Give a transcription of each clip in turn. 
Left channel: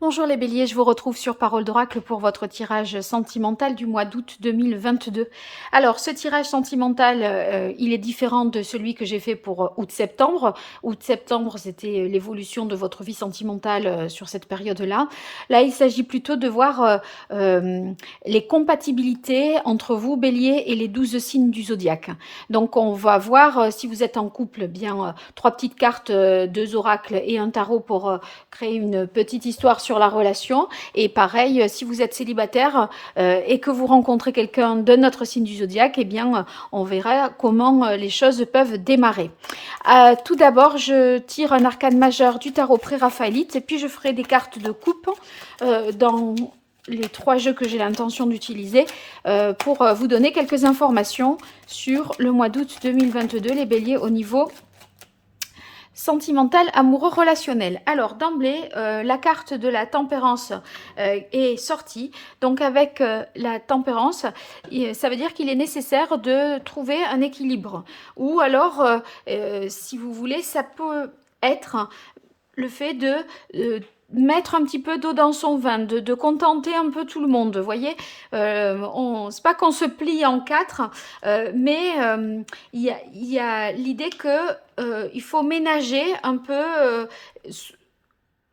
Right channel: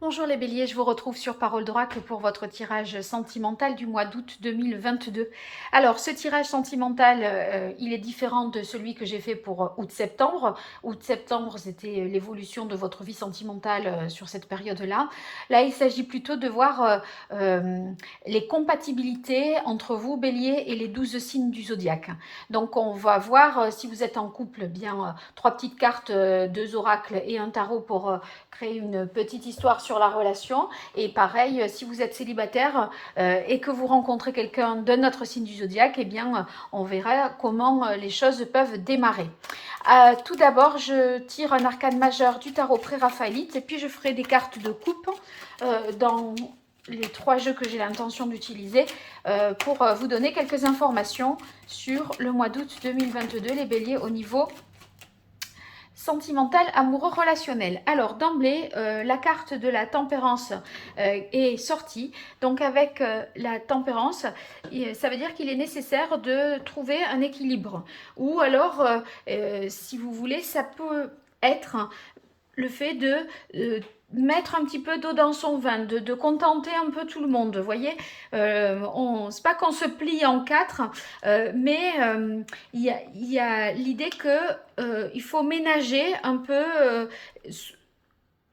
Bonjour les béliers, je vous retrouve sur Parole d'Oracle pour votre tirage sentimental du mois d'août 2022. Alors, ce tirage sentimental, il est différent de celui que j'ai fait pour août-septembre. Août-septembre, c'était l'évolution de votre vie sentimentale sur cette période-là. Là, il s'agit plutôt de voir les compatibilités entre vous, bélier, et les 12 signes du zodiaque. Donc, on va voir si vous êtes en couple, bien, trois petites cartes, deux oracles et un tarot pour créer une petite histoire sur la relation. Et pareil, si vous êtes célibataire et que vous rencontrez quelqu'un de notre signe du zodiaque, eh bien, on verra comment les choses peuvent démarrer. Tout d'abord, je tire un arcane majeur du tarot pré-raphaélite et puis je ferai des cartes de coupe dans les trois jeux que j'ai l'intention d'utiliser pour vous donner quelques informations sur le mois d'août 2022, les béliers, au niveau sentimental, amoureux, relationnel. Alors d'emblée, la carte de la tempérance est sortie. Donc avec la tempérance, ça veut dire qu'il est nécessaire de trouver un équilibre. Ou alors, si vous voulez, ça peut être le fait de mettre un petit peu d'eau dans son vin, de contenter un peu tout le monde. Vous voyez, c'est pas qu'on se plie en quatre, mais il y a l'idée que il faut ménager un peu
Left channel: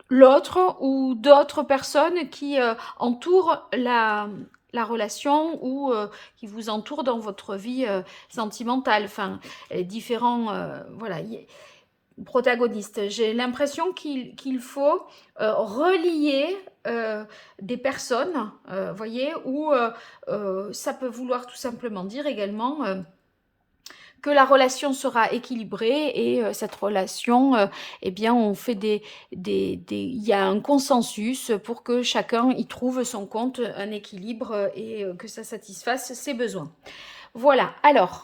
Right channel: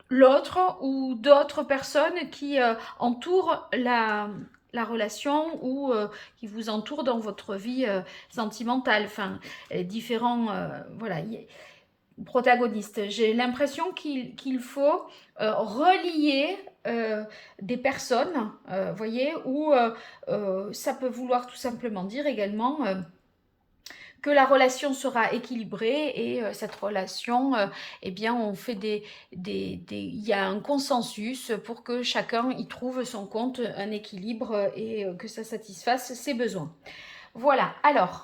l'autre ou d'autres personnes qui entourent la relation ou qui vous entourent dans votre vie sentimentale. Enfin, différents, voilà, protagonistes. J'ai l'impression qu'il faut relier des personnes, voyez, ou ça peut vouloir tout simplement dire également que la relation sera équilibrée et cette relation, eh bien, on fait il y a un consensus pour que chacun y trouve son compte, un équilibre et que ça satisfasse ses besoins. Voilà, alors,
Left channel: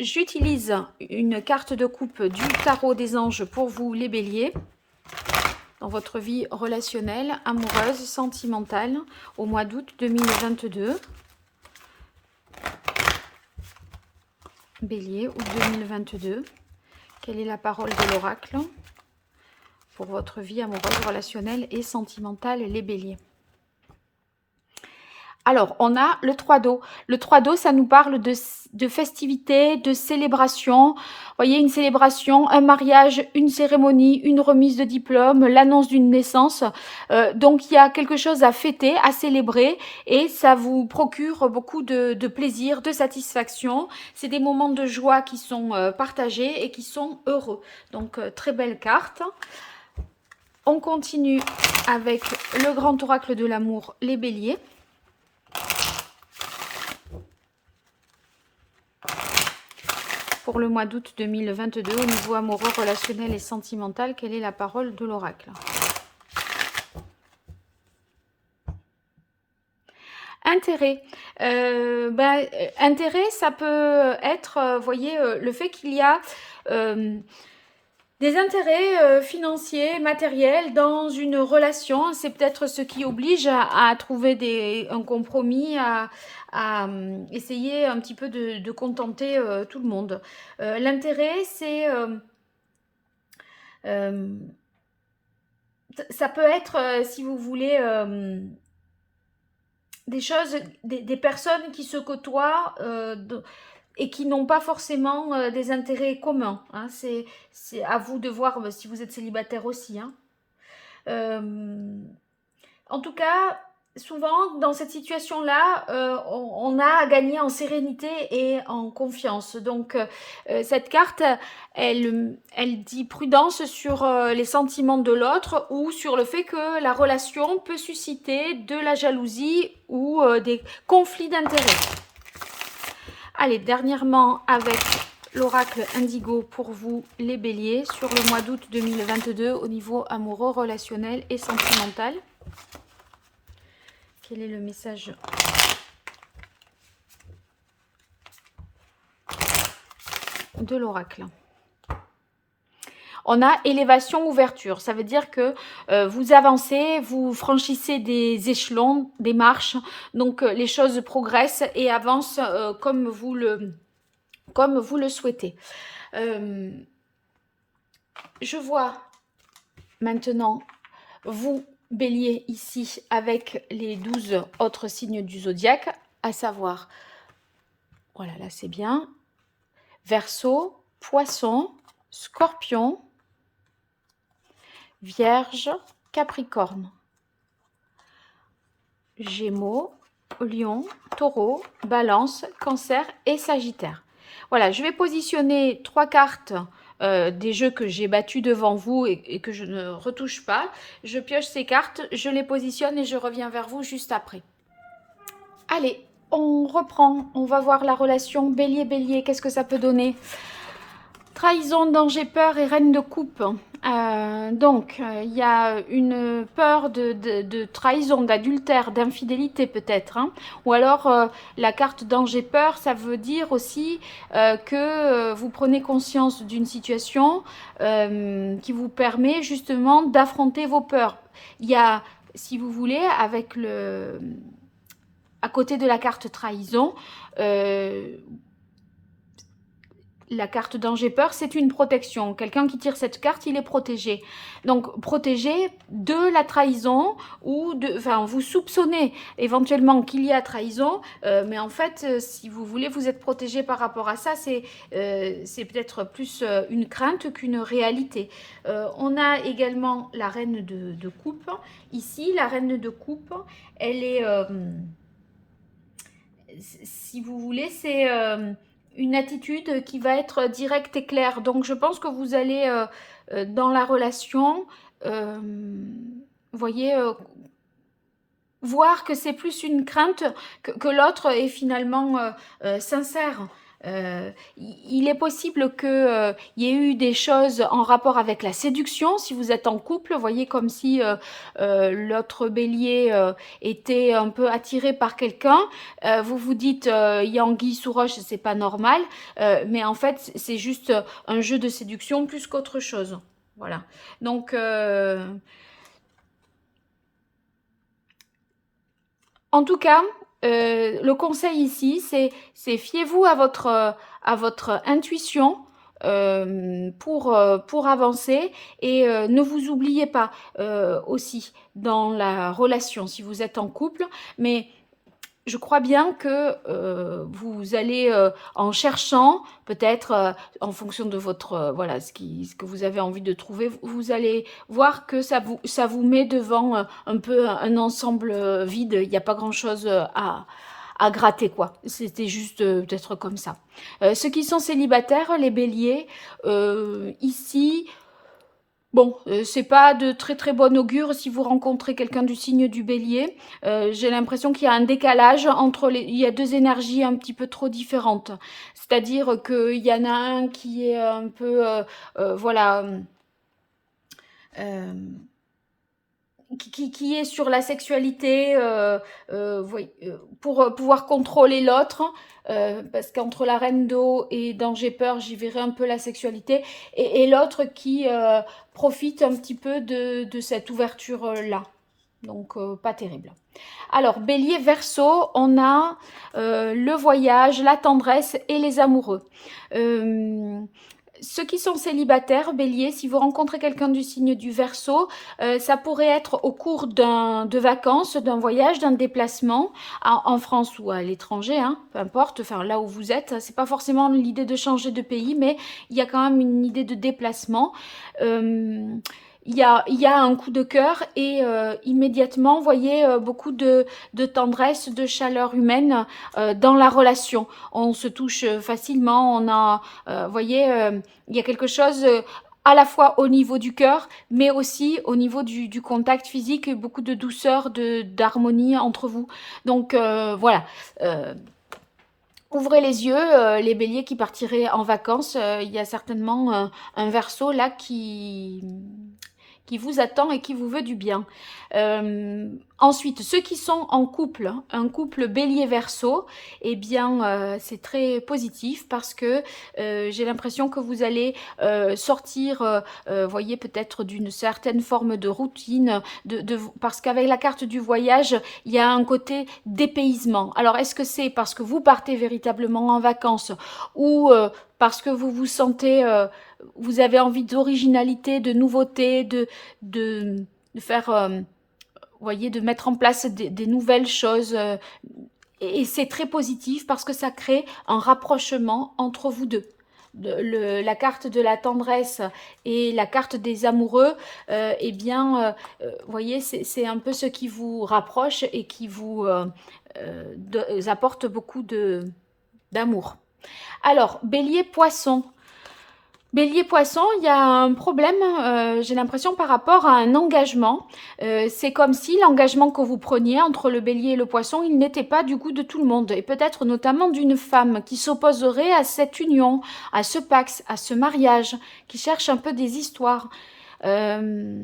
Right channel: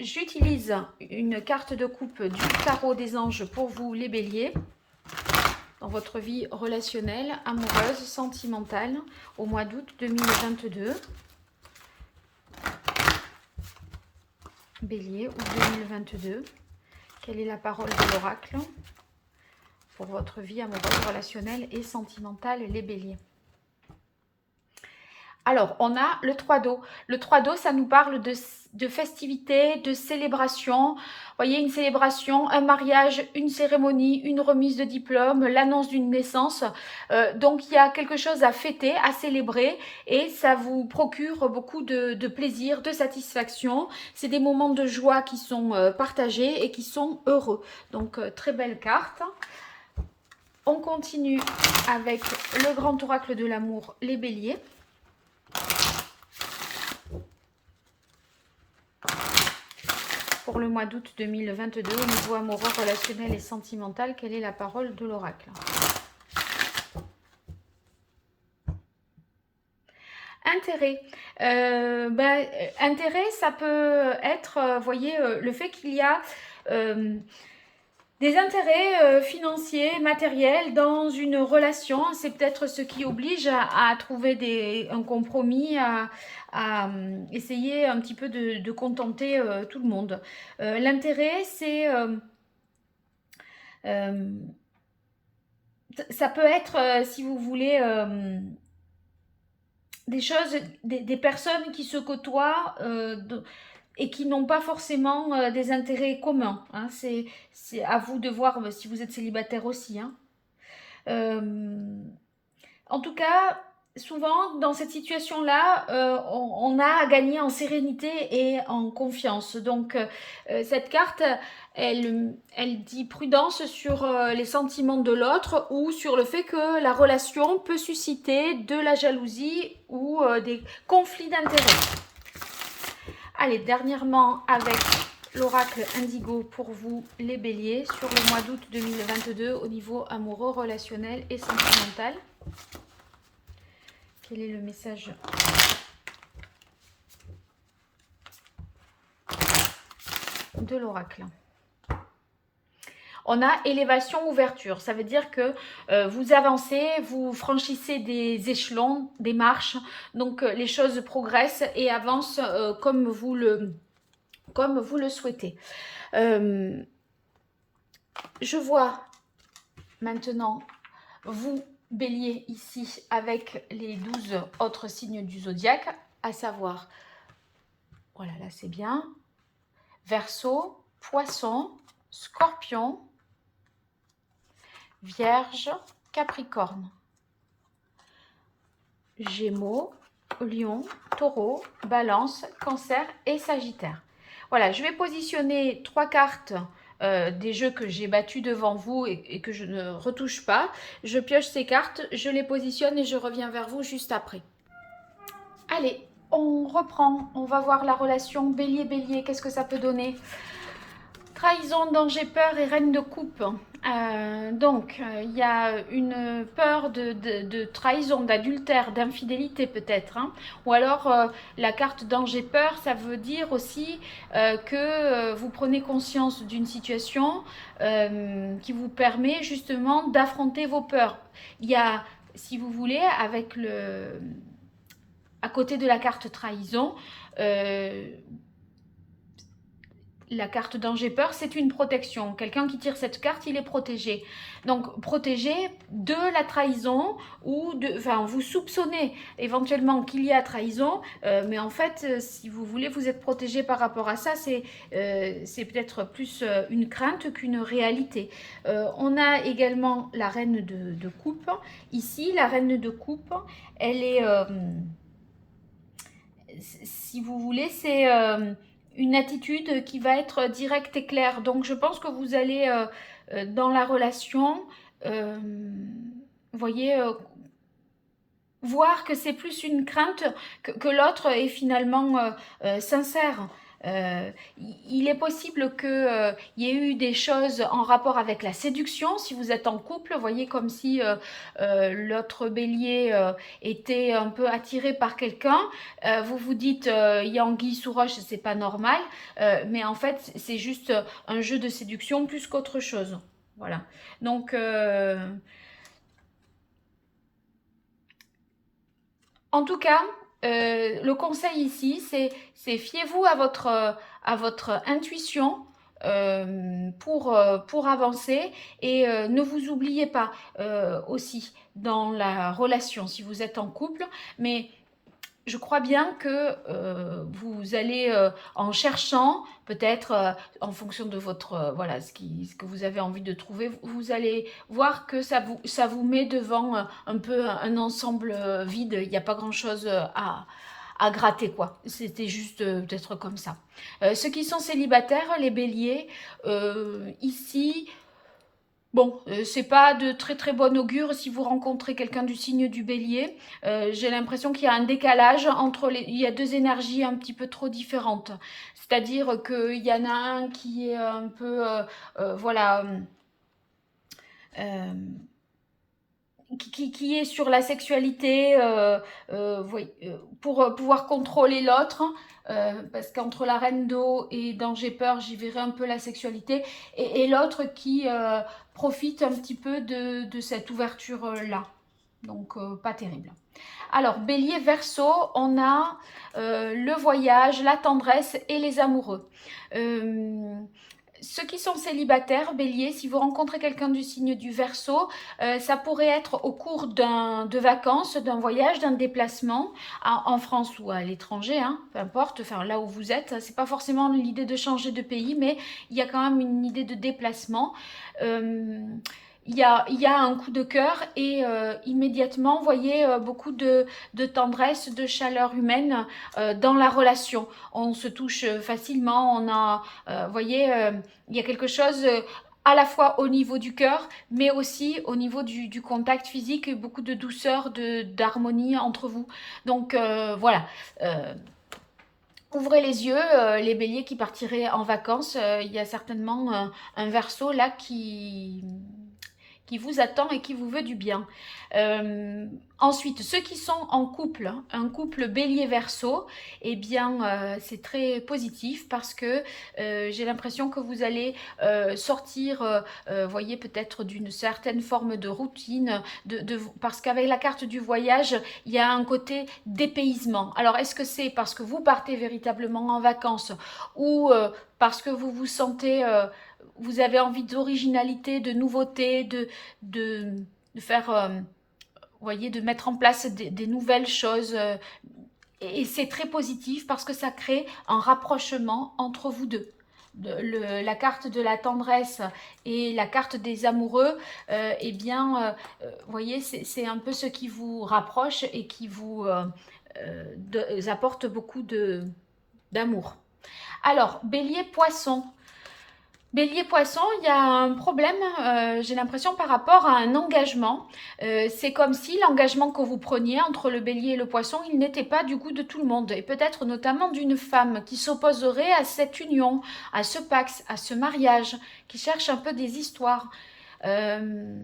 j'utilise une carte de coupe du tarot des anges pour vous, les béliers, dans votre vie relationnelle, amoureuse, sentimentale, au mois d'août 2022. Bélier, août 2022. Quelle est la parole de l'oracle pour votre vie amoureuse, relationnelle et sentimentale, les béliers? Alors, on a le 3 d'eau. Le 3 d'eau, ça nous parle de festivités, de célébration. Vous voyez, une célébration, un mariage, une cérémonie, une remise de diplôme, l'annonce d'une naissance. Donc, il y a quelque chose à fêter, à célébrer et ça vous procure beaucoup de plaisir, de satisfaction. C'est des moments de joie qui sont partagés et qui sont heureux. Donc, très belle carte. On continue avec le grand oracle de l'amour, les béliers. Pour le mois d'août 2022, au niveau amoureux, relationnel et sentimental, quelle est la parole de l'oracle? Intérêt. Intérêt, ça peut être, voyez, le fait qu'il y a des intérêts financiers, matériels dans une relation. C'est peut-être ce qui oblige à trouver un compromis, à essayer un petit peu de contenter tout le monde. L'intérêt, c'est... ça peut être, si vous voulez, des choses, des personnes qui se côtoient et qui n'ont pas forcément des intérêts communs. Hein. C'est à vous de voir si vous êtes célibataire aussi. Hein. En tout cas, souvent, dans cette situation-là, on a à gagner en sérénité et en confiance. Donc, cette carte, elle dit prudence sur les sentiments de l'autre ou sur le fait que la relation peut susciter de la jalousie ou des conflits d'intérêts. Allez, dernièrement, avec l'oracle indigo pour vous, les béliers, sur le mois d'août 2022 au niveau amoureux, relationnel et sentimental. Quel est le message de l'oracle? On a élévation, ouverture. Ça veut dire que vous avancez, vous franchissez des échelons, des marches. Donc, les choses progressent et avancent comme vous le souhaitez. Je vois maintenant vous Bélier ici avec les 12 autres signes du zodiaque, à savoir, voilà, là c'est bien, Verseau, Poisson, Scorpion, Vierge, Capricorne, Gémeaux, Lion, Taureau, Balance, Cancer et Sagittaire. Voilà, je vais positionner 3 cartes des jeux que j'ai battus devant vous et que je ne retouche pas. Je pioche ces cartes, je les positionne et je reviens vers vous juste après. Allez, on reprend, on va voir la relation Bélier-Bélier, qu'est-ce que ça peut donner? Trahison, danger, peur et reine de coupe. Il y a une peur de trahison, d'adultère, d'infidélité peut-être. Hein. Ou alors, la carte danger, peur, ça veut dire aussi que vous prenez conscience d'une situation qui vous permet justement d'affronter vos peurs. Il y a, si vous voulez, à côté de la carte trahison, la carte danger peur, c'est une protection. Quelqu'un qui tire cette carte, il est protégé. Donc, protégé de la trahison ou vous soupçonnez éventuellement qu'il y a trahison, mais en fait, si vous voulez, vous êtes protégé par rapport à ça. C'est peut-être plus une crainte qu'une réalité. On a également la reine de coupe. Ici, la reine de coupe, elle est, si vous voulez, c'est une attitude qui va être directe et claire. Donc je pense que vous allez dans la relation, voyez, voir que c'est plus une crainte que l'autre est finalement sincère. Il est possible qu'il y ait eu des choses en rapport avec la séduction, si vous êtes en couple, voyez comme si l'autre bélier était un peu attiré par quelqu'un, vous vous dites il y a anguille sous roche, c'est pas normal, mais en fait c'est juste un jeu de séduction plus qu'autre chose. Voilà. Donc en tout cas, le conseil ici, c'est fiez-vous à votre intuition pour avancer et ne vous oubliez pas aussi dans la relation si vous êtes en couple, mais je crois bien que vous allez en cherchant, peut-être en fonction de votre voilà ce que vous avez envie de trouver, vous allez voir que ça vous met devant un peu un ensemble vide. Il n'y a pas grand-chose à gratter quoi. C'était juste peut-être comme ça. Ceux qui sont célibataires, les béliers, ici. Bon, c'est pas de très très bon augure si vous rencontrez quelqu'un du signe du bélier. J'ai l'impression qu'il y a un décalage entre il y a deux énergies un petit peu trop différentes. C'est-à-dire qu'il y en a un qui est un peu, voilà, euh, qui est sur la sexualité oui, pour pouvoir contrôler l'autre. Parce qu'entre la reine d'eau et Danger Peur, j'y verrai un peu la sexualité. Et l'autre qui profite un petit peu de cette ouverture-là. Donc, pas terrible. Alors, Bélier, Verseau, on a le voyage, la tendresse et les amoureux. Ceux qui sont célibataires, Bélier, si vous rencontrez quelqu'un du signe du Verseau, ça pourrait être au cours de vacances, d'un voyage, d'un déplacement en France ou à l'étranger, hein, peu importe, enfin là où vous êtes. C'est pas forcément l'idée de changer de pays, mais il y a quand même une idée de déplacement. Il y a un coup de cœur et immédiatement, vous voyez, beaucoup de tendresse, de chaleur humaine dans la relation. On se touche facilement, vous voyez, il y a quelque chose à la fois au niveau du cœur, mais aussi au niveau du contact physique, beaucoup de douceur, d'harmonie entre vous. Donc voilà. Ouvrez les yeux, les béliers qui partiraient en vacances, il y a certainement un verso là qui vous attend et qui vous veut du bien. Ensuite, ceux qui sont en couple, hein, un couple bélier-verseau, eh bien, c'est très positif parce que j'ai l'impression que vous allez sortir, voyez, peut-être d'une certaine forme de routine, parce qu'avec la carte du voyage, il y a un côté dépaysement. Alors, est-ce que c'est parce que vous partez véritablement en vacances ou parce que vous vous sentez vous avez envie d'originalité, de nouveauté, de faire voyez, de mettre en place des nouvelles choses. Et c'est très positif parce que ça crée un rapprochement entre vous deux. La carte de la tendresse et la carte des amoureux, eh bien, vous voyez, c'est un peu ce qui vous rapproche et qui vous apporte beaucoup d'amour. Alors, bélier, poisson. Bélier poisson, il y a un problème, j'ai l'impression, par rapport à un engagement. C'est comme si l'engagement que vous preniez entre le bélier et le poisson, il n'était pas du goût de tout le monde. Et peut-être notamment d'une femme qui s'opposerait à cette union, à ce pacte, à ce mariage, qui cherche un peu des histoires. Euh,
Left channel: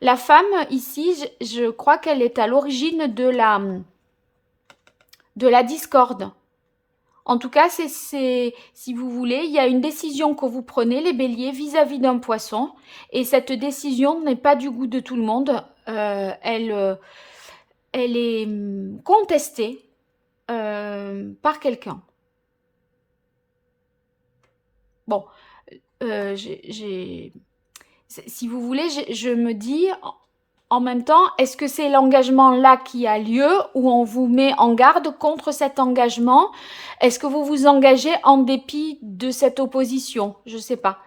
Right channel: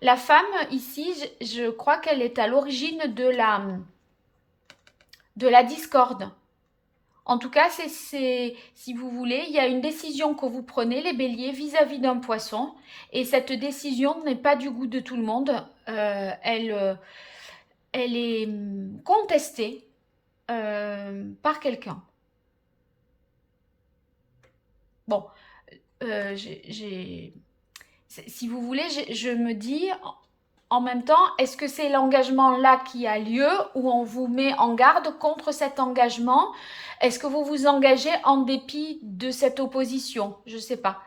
la femme, ici, je crois qu'elle est à l'origine de la discorde. En tout cas, si vous voulez, il y a une décision que vous prenez, les béliers, vis-à-vis d'un poisson. Et cette décision n'est pas du goût de tout le monde. Elle est contestée par quelqu'un. Bon, si vous voulez, je me dis en même temps, est-ce que c'est l'engagement là qui a lieu ou on vous met en garde contre cet engagement? Est-ce que vous vous engagez en dépit de cette opposition? Je ne sais pas.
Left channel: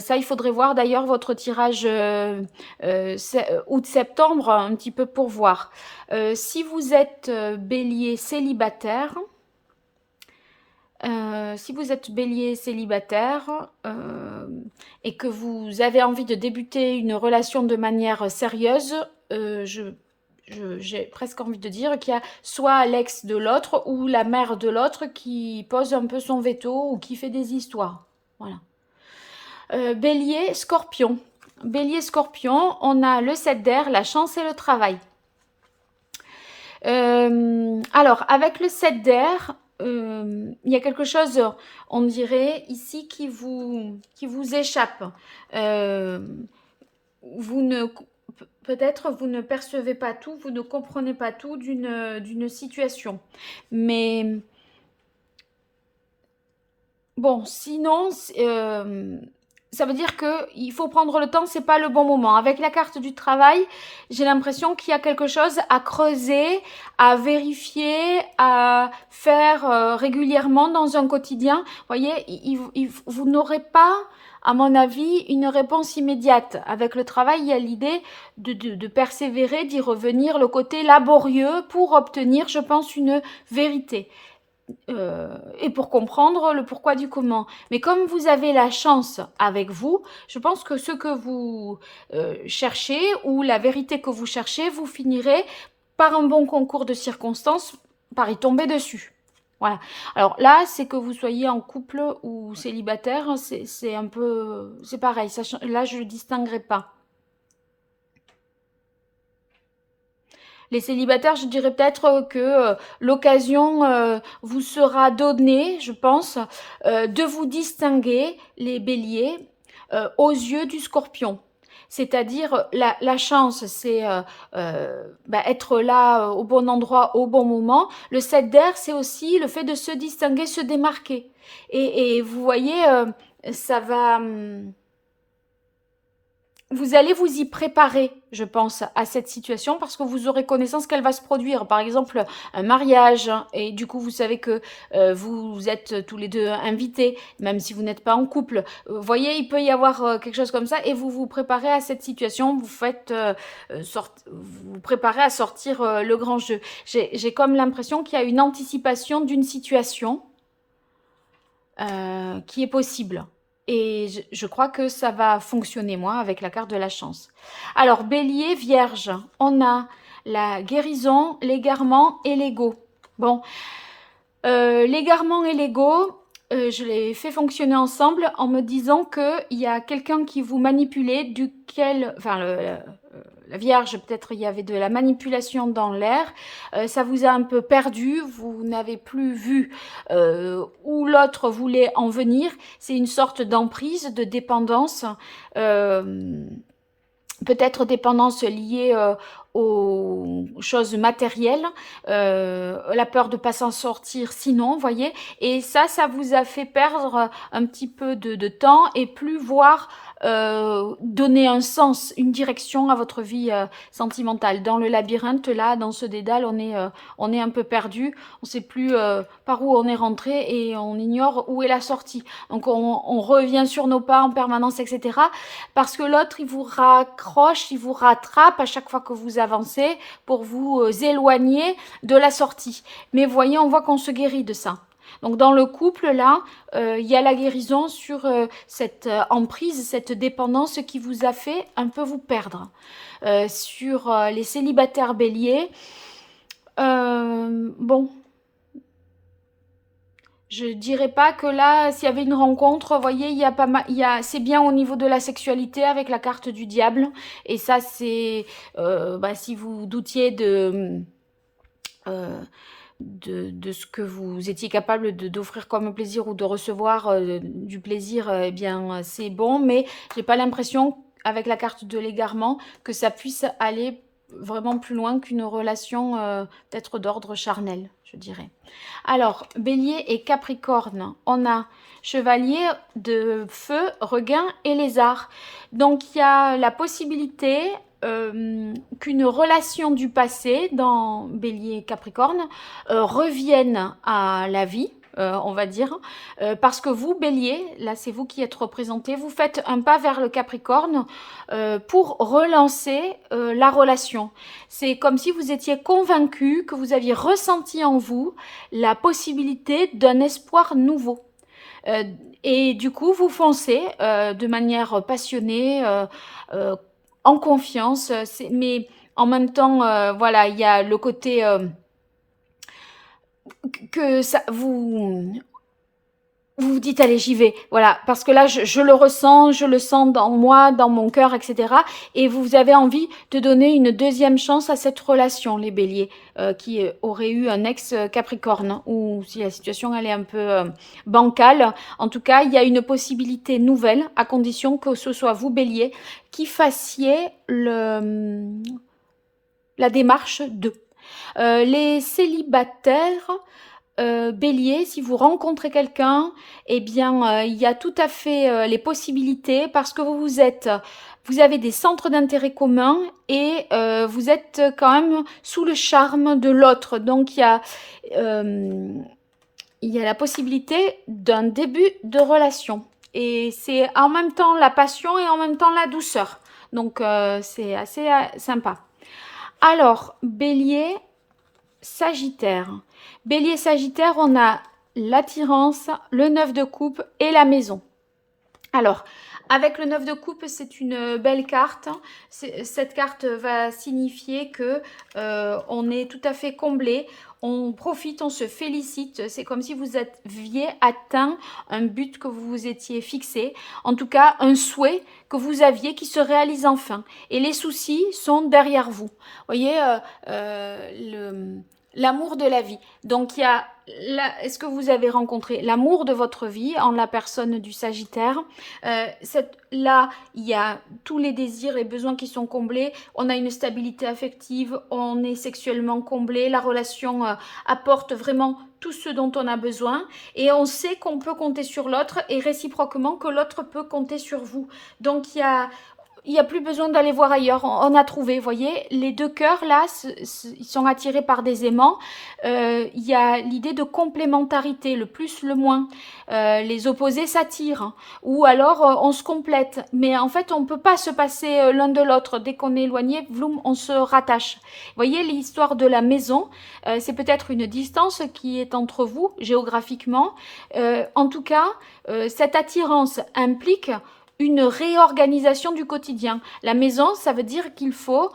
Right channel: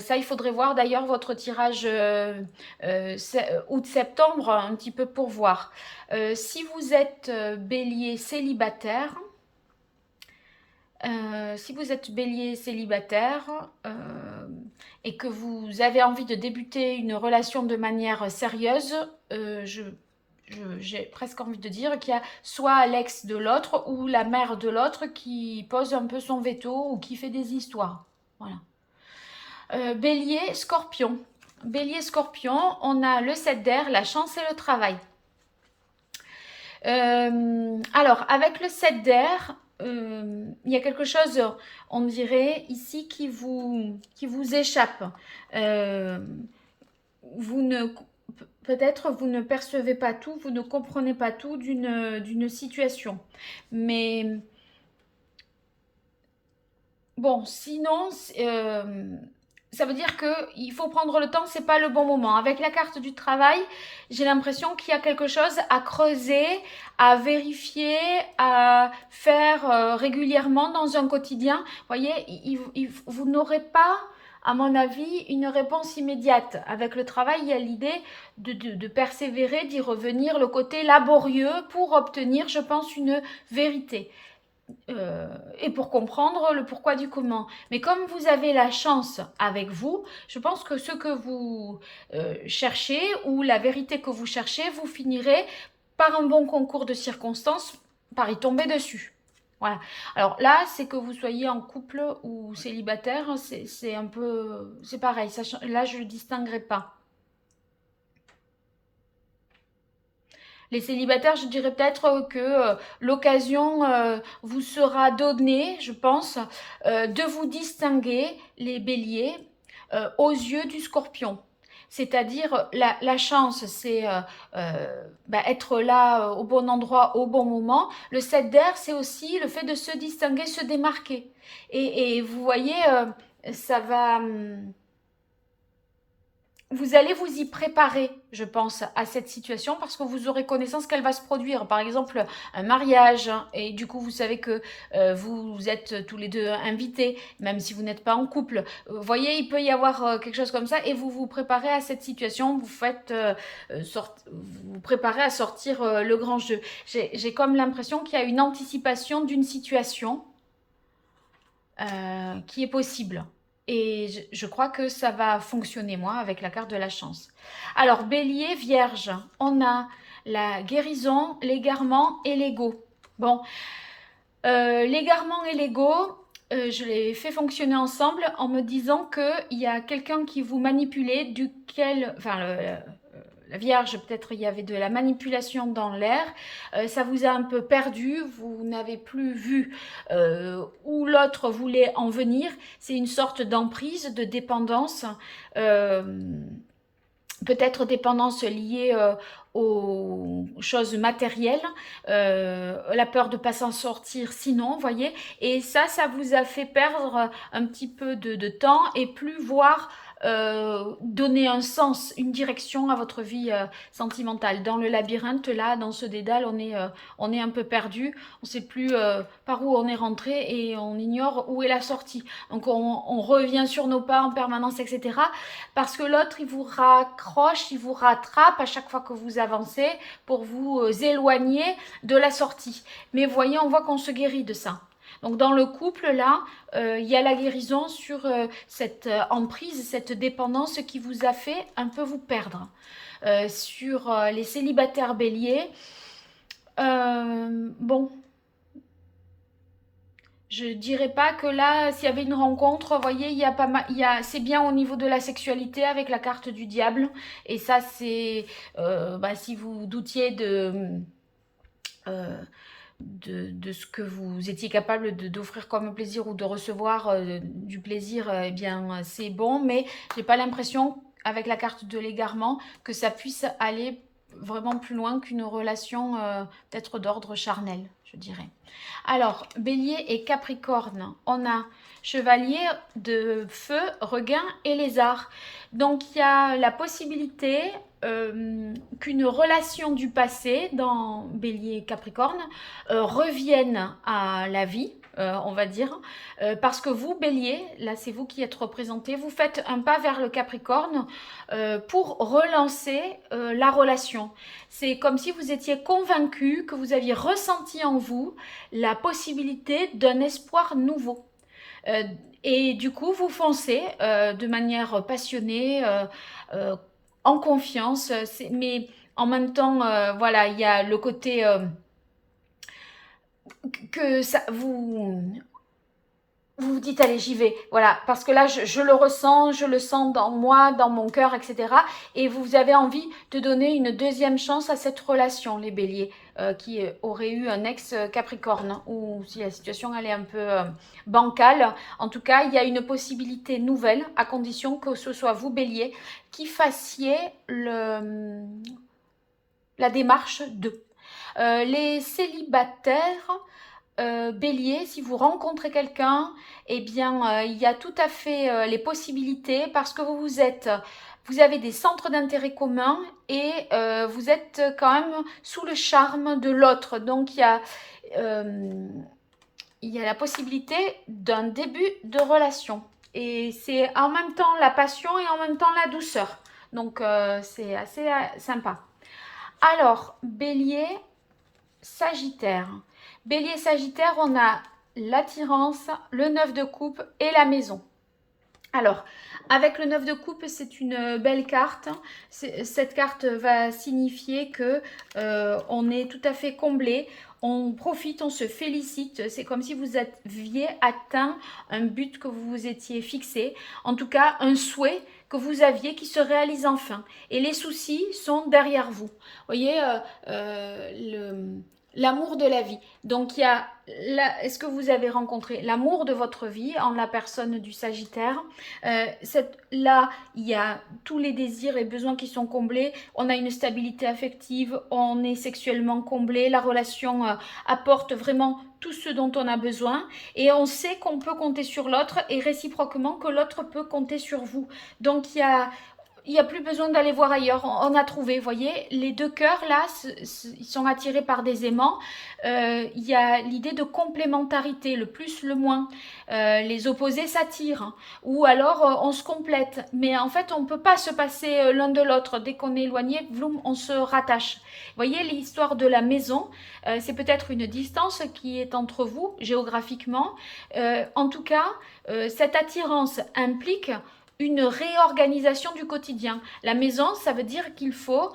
Ça, il faudrait voir d'ailleurs votre tirage août-septembre un petit peu pour voir. Si vous êtes bélier célibataire, si vous êtes bélier célibataire et que vous avez envie de débuter une relation de manière sérieuse, j'ai presque envie de dire qu'il y a soit l'ex de l'autre ou la mère de l'autre qui pose un peu son veto ou qui fait des histoires. Voilà. Bélier, scorpion. Bélier, scorpion, on a le 7 d'air, la chance et le travail. Alors, avec le 7 d'air, il y a quelque chose, on dirait, ici qui vous échappe. Peut-être vous ne percevez pas tout, vous ne comprenez pas tout d'une situation. Mais bon, sinon, ça veut dire qu'il faut prendre le temps, c'est pas le bon moment. Avec la carte du travail, j'ai l'impression qu'il y a quelque chose à creuser, à vérifier, à faire régulièrement dans un quotidien. Vous voyez, vous n'aurez pas, à mon avis, une réponse immédiate. Avec le travail, il y a l'idée de persévérer, d'y revenir, le côté laborieux pour obtenir, je pense, une vérité. Et pour comprendre le pourquoi du comment. Mais comme vous avez la chance avec vous, je pense que ce que vous cherchez ou la vérité que vous cherchez, vous finirez par un bon concours de circonstances, par y tomber dessus. Voilà. Alors là, c'est que vous soyez en couple ou célibataire, c'est un peu, c'est pareil. Là, je ne distinguerai pas. Les célibataires, je dirais peut-être que l'occasion vous sera donnée, je pense, de vous distinguer, les béliers, aux yeux du scorpion. C'est-à-dire, la chance, c'est être là au bon endroit, au bon moment. Le 7 d'air, c'est aussi le fait de se distinguer, se démarquer. Et vous voyez, ça va... Vous allez vous y préparer, je pense, à cette situation parce que vous aurez connaissance qu'elle va se produire. Par exemple, un mariage, et du coup, vous savez que vous êtes tous les deux invités, même si vous n'êtes pas en couple. Vous voyez, il peut y avoir quelque chose comme ça, et vous vous préparez à cette situation. Vous préparez à sortir le grand jeu. J'ai comme l'impression qu'il y a une anticipation d'une situation qui est possible. Et je crois que ça va fonctionner, moi, avec la carte de la chance. Alors, bélier, vierge, on a la guérison, l'égarement et l'ego. Bon, l'égarement et l'ego, je les fais fonctionner ensemble en me disant qu'il y a quelqu'un qui vous manipulait, duquel, enfin, la Vierge, peut-être il y avait de la manipulation dans l'air, ça vous a un peu perdu, vous n'avez plus vu où l'autre voulait en venir, c'est une sorte d'emprise, de dépendance, peut-être dépendance liée aux choses matérielles, la peur de ne pas s'en sortir sinon, voyez, et ça vous a fait perdre un petit peu de temps et plus voir donner un sens, une direction à votre vie sentimentale. Dans le labyrinthe, là, dans ce dédale, on est un peu perdu, on ne sait plus par où on est rentré et on ignore où est la sortie. Donc on revient sur nos pas en permanence, etc. Parce que l'autre, il vous raccroche, il vous rattrape à chaque fois que vous avancez pour vous éloigner de la sortie. Mais voyez, on voit qu'on se guérit de ça. Donc dans le couple, là, il y a la guérison sur cette emprise, cette dépendance qui vous a fait un peu vous perdre. Sur les célibataires béliers, bon, je dirais pas que là, s'il y avait une rencontre, vous voyez, il y a pas mal, c'est bien au niveau de la sexualité avec la carte du diable. Et ça, c'est, si vous doutiez euh, de ce que vous étiez capable d'offrir comme plaisir ou de recevoir du plaisir, eh bien, c'est bon. Mais j'ai pas l'impression, avec la carte de l'égarement, que ça puisse aller vraiment plus loin qu'une relation peut-être d'ordre charnel, je dirais. Alors, Bélier et Capricorne, on a Chevalier de feu, Requin et Lézard. Donc, il y a la possibilité qu'une relation du passé dans Bélier et Capricorne revienne à la vie. On va dire, parce que vous, Bélier, là c'est vous qui êtes représenté, vous faites un pas vers le Capricorne pour relancer la relation. C'est comme si vous étiez convaincu, que vous aviez ressenti en vous la possibilité d'un espoir nouveau. Euh, et du coup, vous foncez de manière passionnée, en confiance, mais en même temps, voilà, il y a le côté que ça vous dites allez j'y vais, voilà, parce que là je le ressens, je le sens dans moi, dans mon cœur, etc. Et vous avez envie de donner une deuxième chance à cette relation, les béliers, qui auraient eu un ex Capricorne, ou si la situation elle est un peu bancale. En tout cas, il y a une possibilité nouvelle, à condition que ce soit vous, bélier, qui fassiez la démarche de. Les célibataires, bélier, si vous rencontrez quelqu'un, eh bien, il y a tout à fait les possibilités parce que vous avez des centres d'intérêt communs et vous êtes quand même sous le charme de l'autre. Donc, euh, il y a la possibilité d'un début de relation. Et c'est en même temps la passion et en même temps la douceur. Donc, c'est assez sympa. Alors, bélier, Sagittaire. Bélier Sagittaire, on a l'attirance, le 9 de coupe et la maison. Alors, avec le 9 de coupe, c'est une belle carte. Cette carte va signifier que on est tout à fait comblé. On profite, on se félicite. C'est comme si vous aviez atteint un but que vous vous étiez fixé. En tout cas, un souhait que vous aviez qui se réalise enfin. Et les soucis sont derrière vous. Vous voyez, l'amour de la vie. Donc, est-ce que vous avez rencontré l'amour de votre vie en la personne du Sagittaire? Là, il y a tous les désirs et besoins qui sont comblés. On a une stabilité affective, on est sexuellement comblé. La relation apporte vraiment tout ce dont on a besoin. Et on sait qu'on peut compter sur l'autre et réciproquement que l'autre peut compter sur vous. Donc, il n'y a plus besoin d'aller voir ailleurs. On a trouvé, vous voyez, les deux cœurs là, ils sont attirés par des aimants. Il y a l'idée de complémentarité, le plus, le moins. Les opposés s'attirent, hein. Ou alors on se complète. Mais en fait, on ne peut pas se passer l'un de l'autre. Dès qu'on est éloigné, vloum, on se rattache. Vous voyez, l'histoire de la maison, c'est peut-être une distance qui est entre vous géographiquement. En tout cas, cette attirance implique une réorganisation du quotidien. La maison, ça veut dire qu'il faut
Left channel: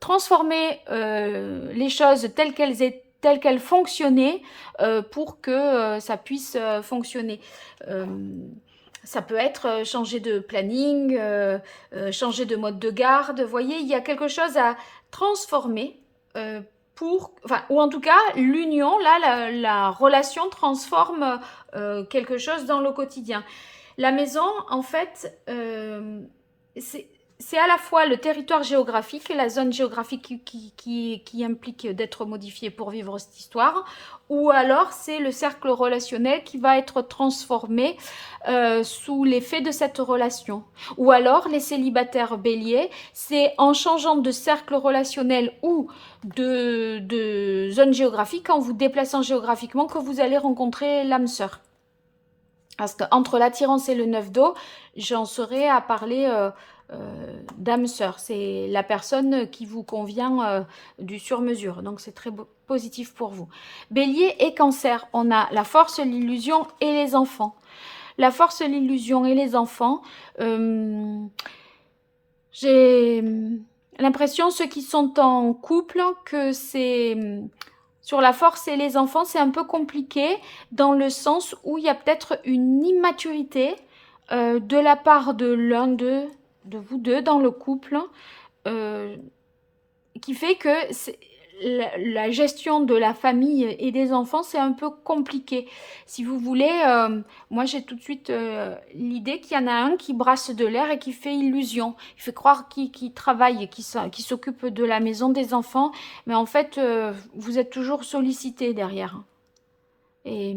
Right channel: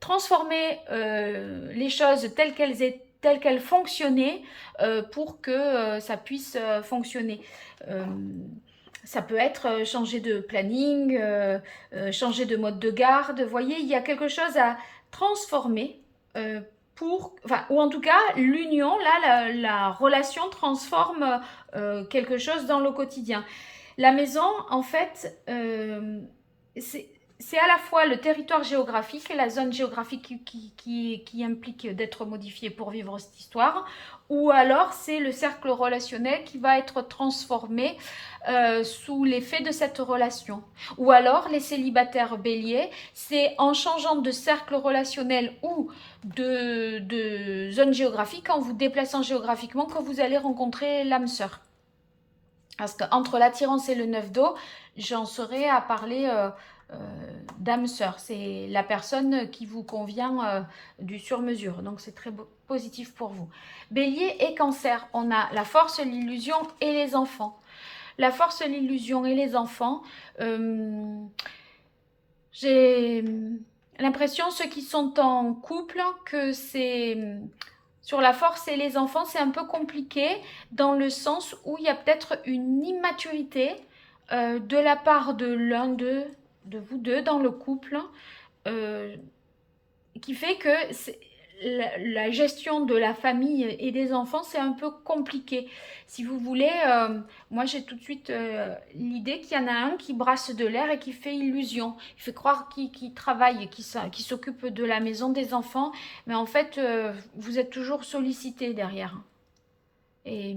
transformer les choses telles qu'elles fonctionnaient pour que ça puisse fonctionner. Ça peut être changer de planning, changer de mode de garde. Vous voyez, il y a quelque chose à transformer ou en tout cas, l'union, là, la relation transforme quelque chose dans le quotidien. La maison, en fait, c'est à la fois le territoire géographique et la zone géographique qui implique d'être modifiée pour vivre cette histoire, ou alors c'est le cercle relationnel qui va être transformé sous l'effet de cette relation. Ou alors les célibataires béliers, c'est en changeant de cercle relationnel ou de zone géographique, en vous déplaçant géographiquement, que vous allez rencontrer l'âme sœur. Parce qu'entre l'attirance et le neuf d'eau, j'en serais à parler d'âme sœur. C'est la personne qui vous convient du sur-mesure. Donc c'est très positif pour vous. Bélier et cancer, on a la force, l'illusion et les enfants. La force, l'illusion et les enfants, j'ai l'impression, ceux qui sont en couple, que c'est... Sur la force et les enfants, c'est un peu compliqué dans le sens où il y a peut-être une immaturité de la part de l'un de vous deux dans le couple, euh, qui fait que la gestion de la famille et des enfants, c'est un peu compliqué. Si vous voulez, moi j'ai tout de suite l'idée qu'il y en a un qui brasse de l'air et qui fait illusion. Il fait croire qu'il travaille et qu'il s'occupe de la maison des enfants, mais en fait, vous êtes toujours sollicité derrière. Et,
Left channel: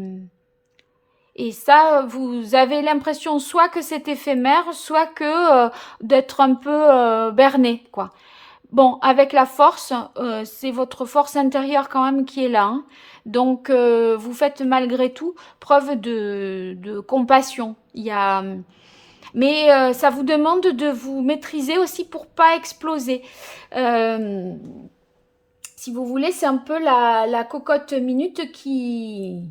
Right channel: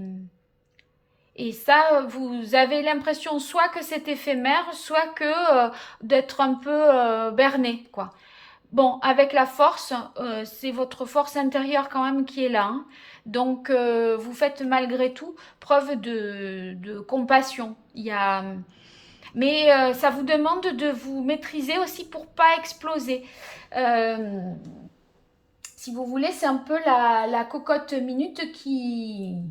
et ça, vous avez l'impression soit que c'est éphémère, soit que d'être un peu berné, quoi. Bon, avec la force, c'est votre force intérieure quand même qui est là, hein. Donc, vous faites malgré tout preuve de compassion. Mais ça vous demande de vous maîtriser aussi pour pas exploser. Euh, Si vous voulez, c'est un peu la cocotte minute qui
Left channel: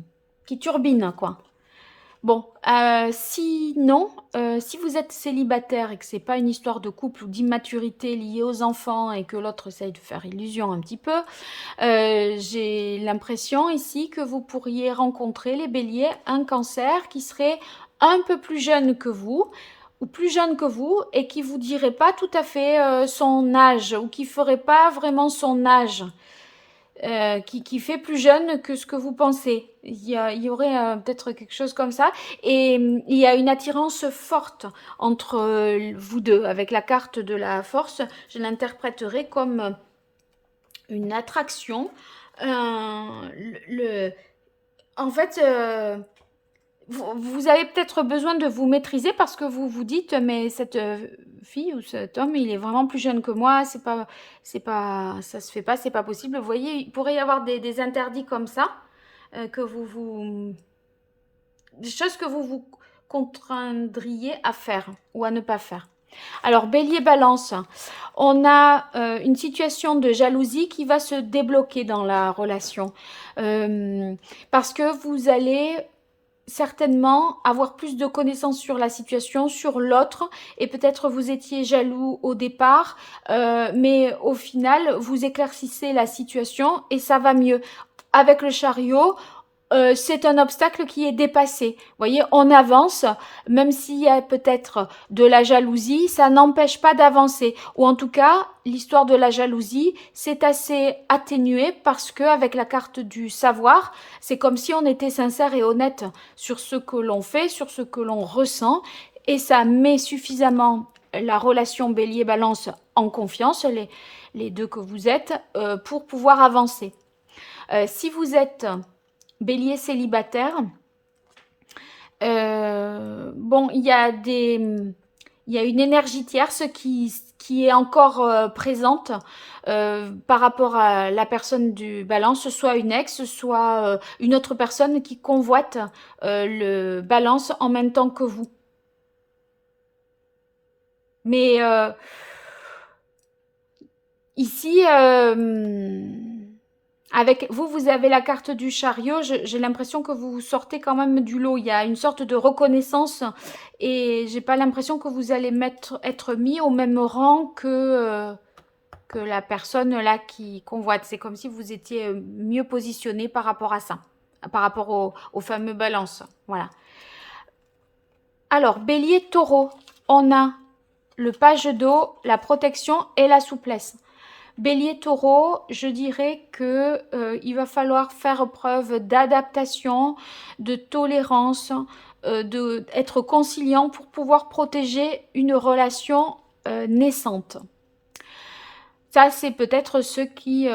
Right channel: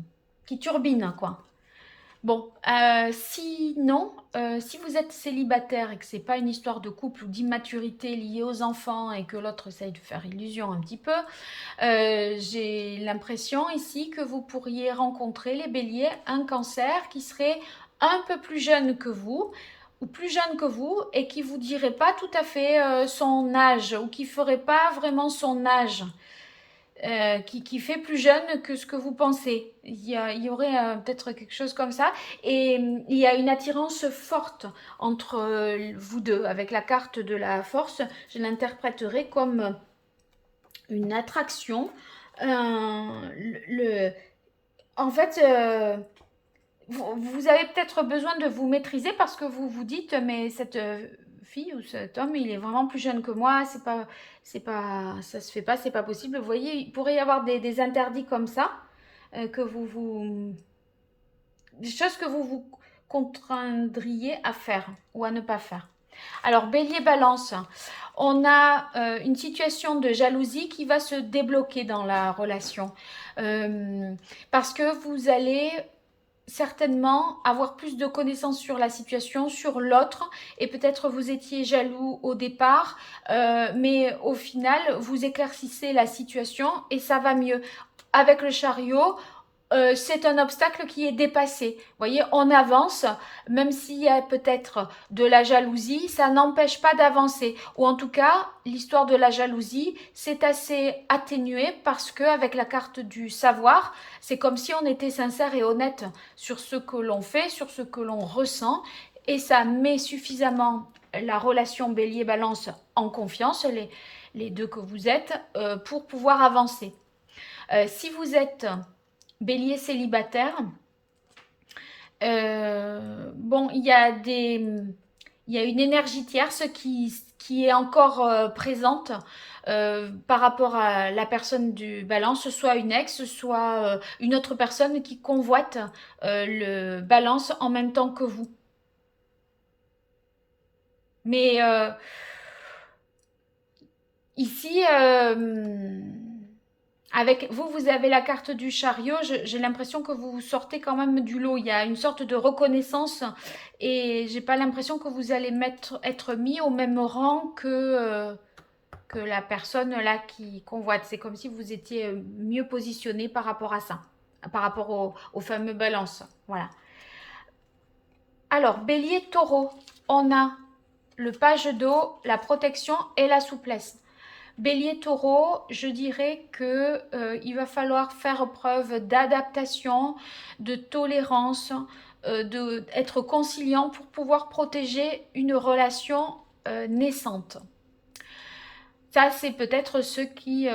turbine, quoi. Bon, sinon, si vous êtes célibataire et que c'est pas une histoire de couple ou d'immaturité liée aux enfants et que l'autre essaye de faire illusion un petit peu, j'ai l'impression ici que vous pourriez rencontrer, les béliers, un cancer qui serait un peu plus jeune que vous ou plus jeune que vous et qui vous dirait pas tout à fait son âge ou qui ferait pas vraiment son âge qui fait plus jeune que ce que vous pensez. Il y aurait peut-être quelque chose comme ça. Et il y a une attirance forte entre vous deux. Avec la carte de la force, je l'interpréterai comme une attraction. Le, en fait, vous avez peut-être besoin de vous maîtriser parce que vous vous dites, mais cette fille ou cet homme, il est vraiment plus jeune que moi, ça se fait pas, c'est pas possible. Vous voyez, il pourrait y avoir des interdits comme ça, que des choses que vous vous contraindriez à faire ou à ne pas faire. Alors, Bélier Balance, on a une situation de jalousie qui va se débloquer dans la relation. Parce que vous allez certainement avoir plus de connaissances sur la situation, sur l'autre, et peut-être vous étiez jaloux au départ, mais au final, vous éclaircissez la situation et ça va mieux. Avec le chariot, c'est un obstacle qui est dépassé. Vous voyez, on avance, même s'il y a peut-être de la jalousie, ça n'empêche pas d'avancer. Ou en tout cas, l'histoire de la jalousie, c'est assez atténué parce que avec la carte du savoir, c'est comme si on était sincère et honnête sur ce que l'on fait, sur ce que l'on ressent, et ça met suffisamment la relation bélier-balance en confiance, les deux que vous êtes, pour pouvoir avancer. Si vous êtes bélier célibataire, bon, il y a une énergie tierce qui est encore présente par rapport à la personne du balance, soit une ex, soit une autre personne qui convoite le balance en même temps que vous. Mais ici, avec vous, vous avez la carte du chariot. J'ai l'impression que vous sortez quand même du lot. Il y a une sorte de reconnaissance et j'ai pas l'impression que vous allez être mis au même rang que la personne là qui convoite. C'est comme si vous étiez mieux positionné par rapport à ça, par rapport au fameux balance. Voilà. Alors, bélier, taureau, on a le page d'eau, la protection et la souplesse. Bélier taureau, je dirais que il va falloir faire preuve d'adaptation, de tolérance, d'être conciliant pour pouvoir protéger une relation naissante. Ça, c'est peut-être ceux qui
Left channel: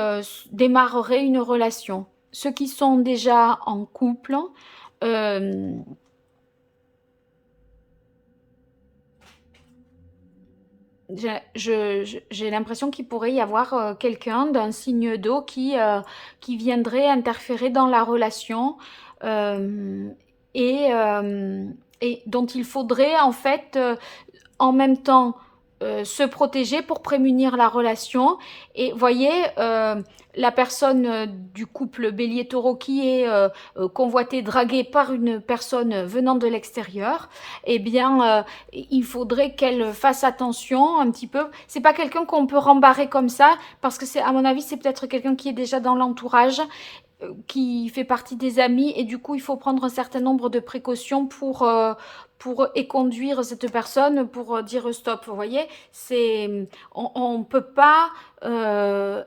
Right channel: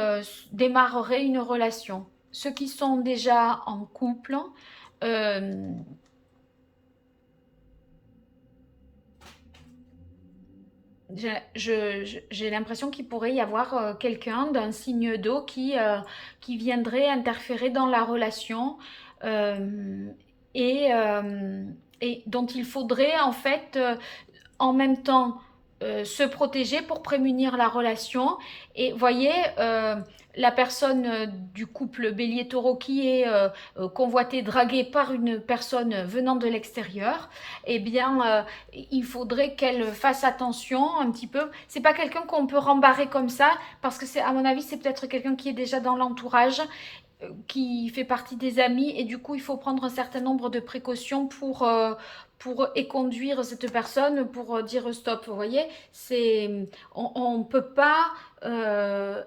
démarreraient une relation. Ceux qui sont déjà en couple, euh, j'ai l'impression qu'il pourrait y avoir quelqu'un d'un signe d'eau qui viendrait interférer dans la relation euh, et, euh, et dont il faudrait en fait en même temps se protéger pour prémunir la relation. Et voyez, la personne du couple bélier-taureau qui est convoitée, draguée par une personne venant de l'extérieur, eh bien, il faudrait qu'elle fasse attention un petit peu. C'est pas quelqu'un qu'on peut rembarrer comme ça, parce que c'est, à mon avis, c'est peut-être quelqu'un qui est déjà dans l'entourage, qui fait partie des amis, et du coup il faut prendre un certain nombre de précautions pour éconduire cette personne, pour dire stop. Vous voyez, on ne peut pas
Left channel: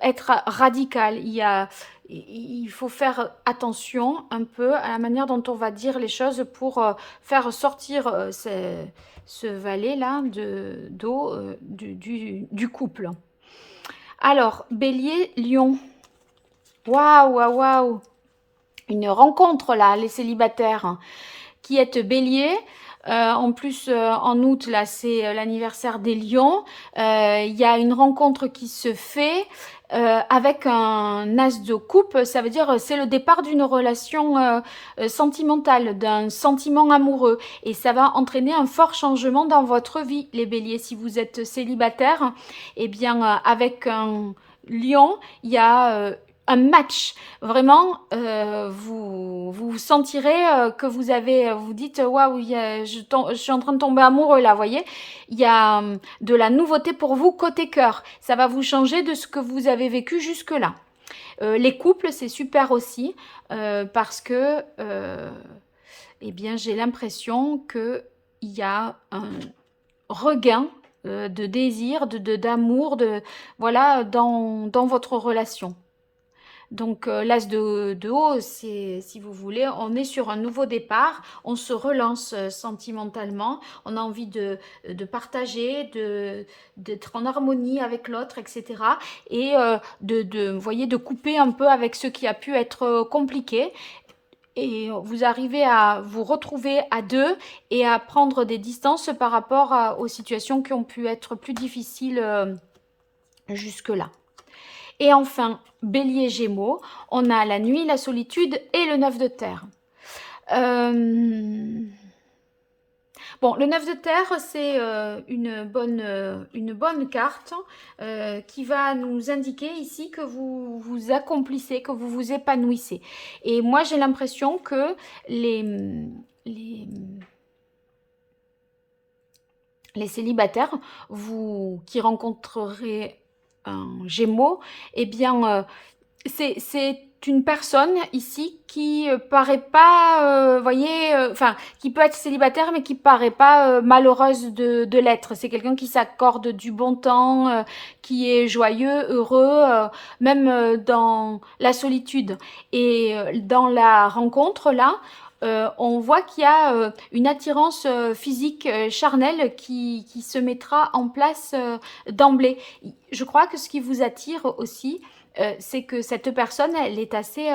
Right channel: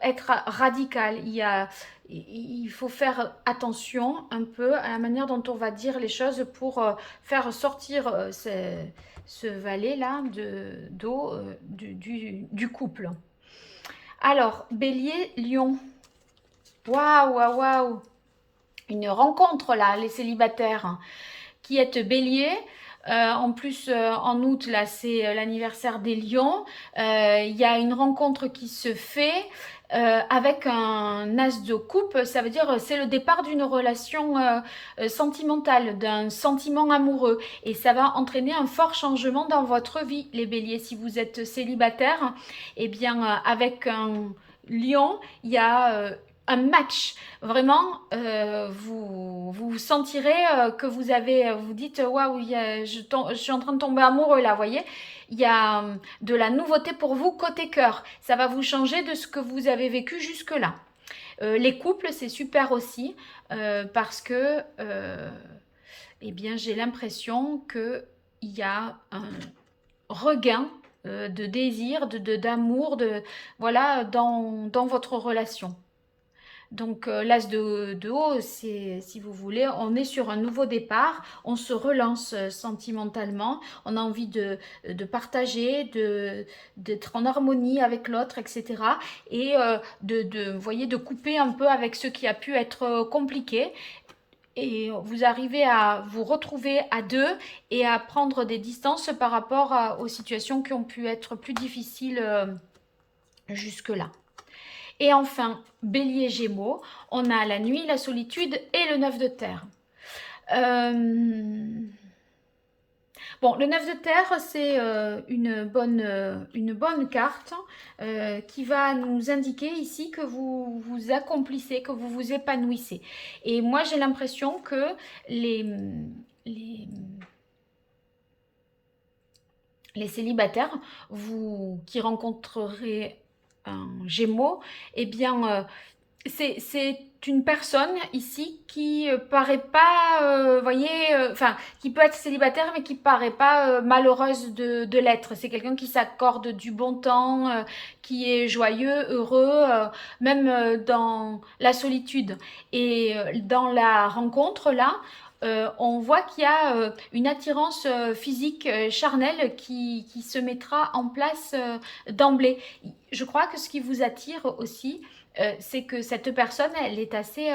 être radical. Il faut faire attention un peu à la manière dont on va dire les choses pour faire sortir ce valet-là d'eau du couple. Alors, bélier, lion. Waouh, waouh, waouh! Une rencontre là, les célibataires qui êtes bélier. En plus, en août, là, c'est l'anniversaire des lions. Il y a une rencontre qui se fait avec un as de coupe. Ça veut dire c'est le départ d'une relation sentimentale, d'un sentiment amoureux. Et ça va entraîner un fort changement dans votre vie, les béliers. Si vous êtes célibataire, eh bien, avec un lion, il y a un match. Vraiment, vous sentirez que vous avez, vous dites, waouh, je suis en train de tomber amoureux là, vous voyez. Il y a de la nouveauté pour vous côté cœur. Ça va vous changer de ce que vous avez vécu jusque-là. Les couples, c'est super aussi parce que, eh bien, j'ai l'impression qu'il y a un regain de désir, d'amour, voilà, dans votre relation. Donc l'as de haut, c'est, si vous voulez, on est sur un nouveau départ, on se relance sentimentalement, on a envie de partager, d'être en harmonie avec l'autre, etc. Et vous voyez, de couper un peu avec ce qui a pu être compliqué. Et vous arrivez à vous retrouver à deux et à prendre des distances par rapport aux situations qui ont pu être plus difficiles jusque-là. Et enfin, bélier gémeaux, on a la nuit, la solitude et le 9 de terre. Bon, le 9 de terre, c'est une bonne carte qui va nous indiquer ici que vous vous accomplissez, que vous vous épanouissez. Et moi, j'ai l'impression que les, les célibataires qui rencontreraient un gémeaux, eh bien, c'est une personne ici qui paraît pas, voyez, enfin, qui peut être célibataire, mais qui paraît pas malheureuse de l'être. C'est quelqu'un qui s'accorde du bon temps, qui est joyeux, heureux, même dans la solitude. Et dans la rencontre, là, on voit qu'il y a une attirance physique charnelle qui se mettra en place d'emblée. Je crois que ce qui vous attire aussi, c'est que cette personne, elle est assez,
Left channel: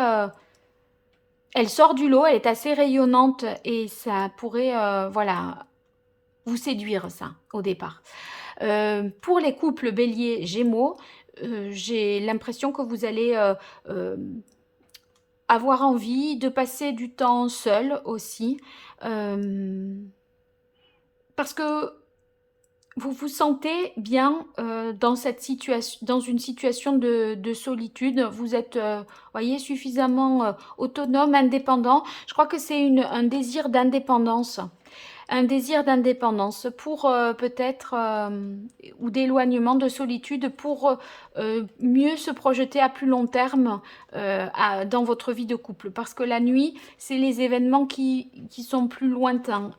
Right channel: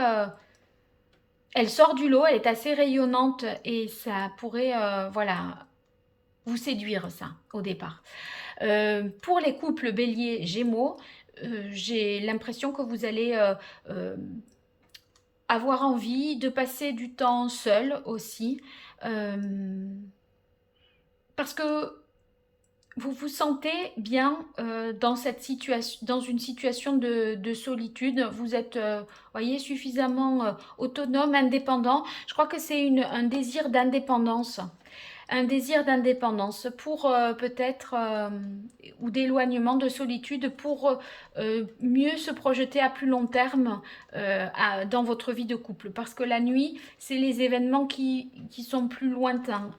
elle sort du lot, elle est assez rayonnante et ça pourrait, voilà, vous séduire ça au départ. Pour les couples Bélier Gémeaux, j'ai l'impression que vous allez euh, avoir envie de passer du temps seul aussi, euh, parce que vous vous sentez bien dans cette situation, dans une situation de solitude. Vous êtes, voyez, suffisamment autonome, indépendant. Je crois que c'est un désir d'indépendance. Un désir d'indépendance pour peut-être, ou d'éloignement, de solitude, pour mieux se projeter à plus long terme dans votre vie de couple. Parce que la nuit, c'est les événements qui sont plus lointains,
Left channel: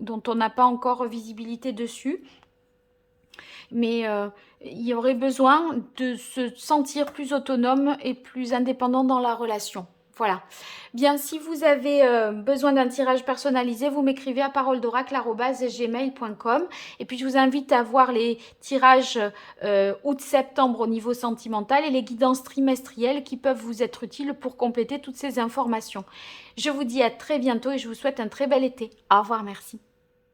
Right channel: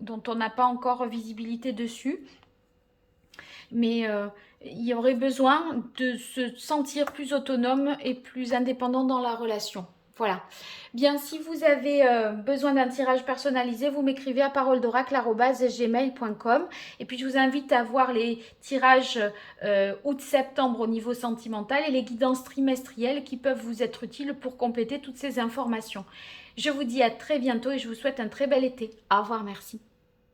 dont on n'a pas encore visibilité dessus. Mais il y aurait besoin de se sentir plus autonome et plus indépendant dans la relation. Voilà. Bien, si vous avez besoin d'un tirage personnalisé, vous m'écrivez à paroledoracle@gmail.com. Et puis, je vous invite à voir les tirages août-septembre au niveau sentimental et les guidances trimestrielles qui peuvent vous être utiles pour compléter toutes ces informations. Je vous dis à très bientôt et je vous souhaite un très bel été. Au revoir, merci.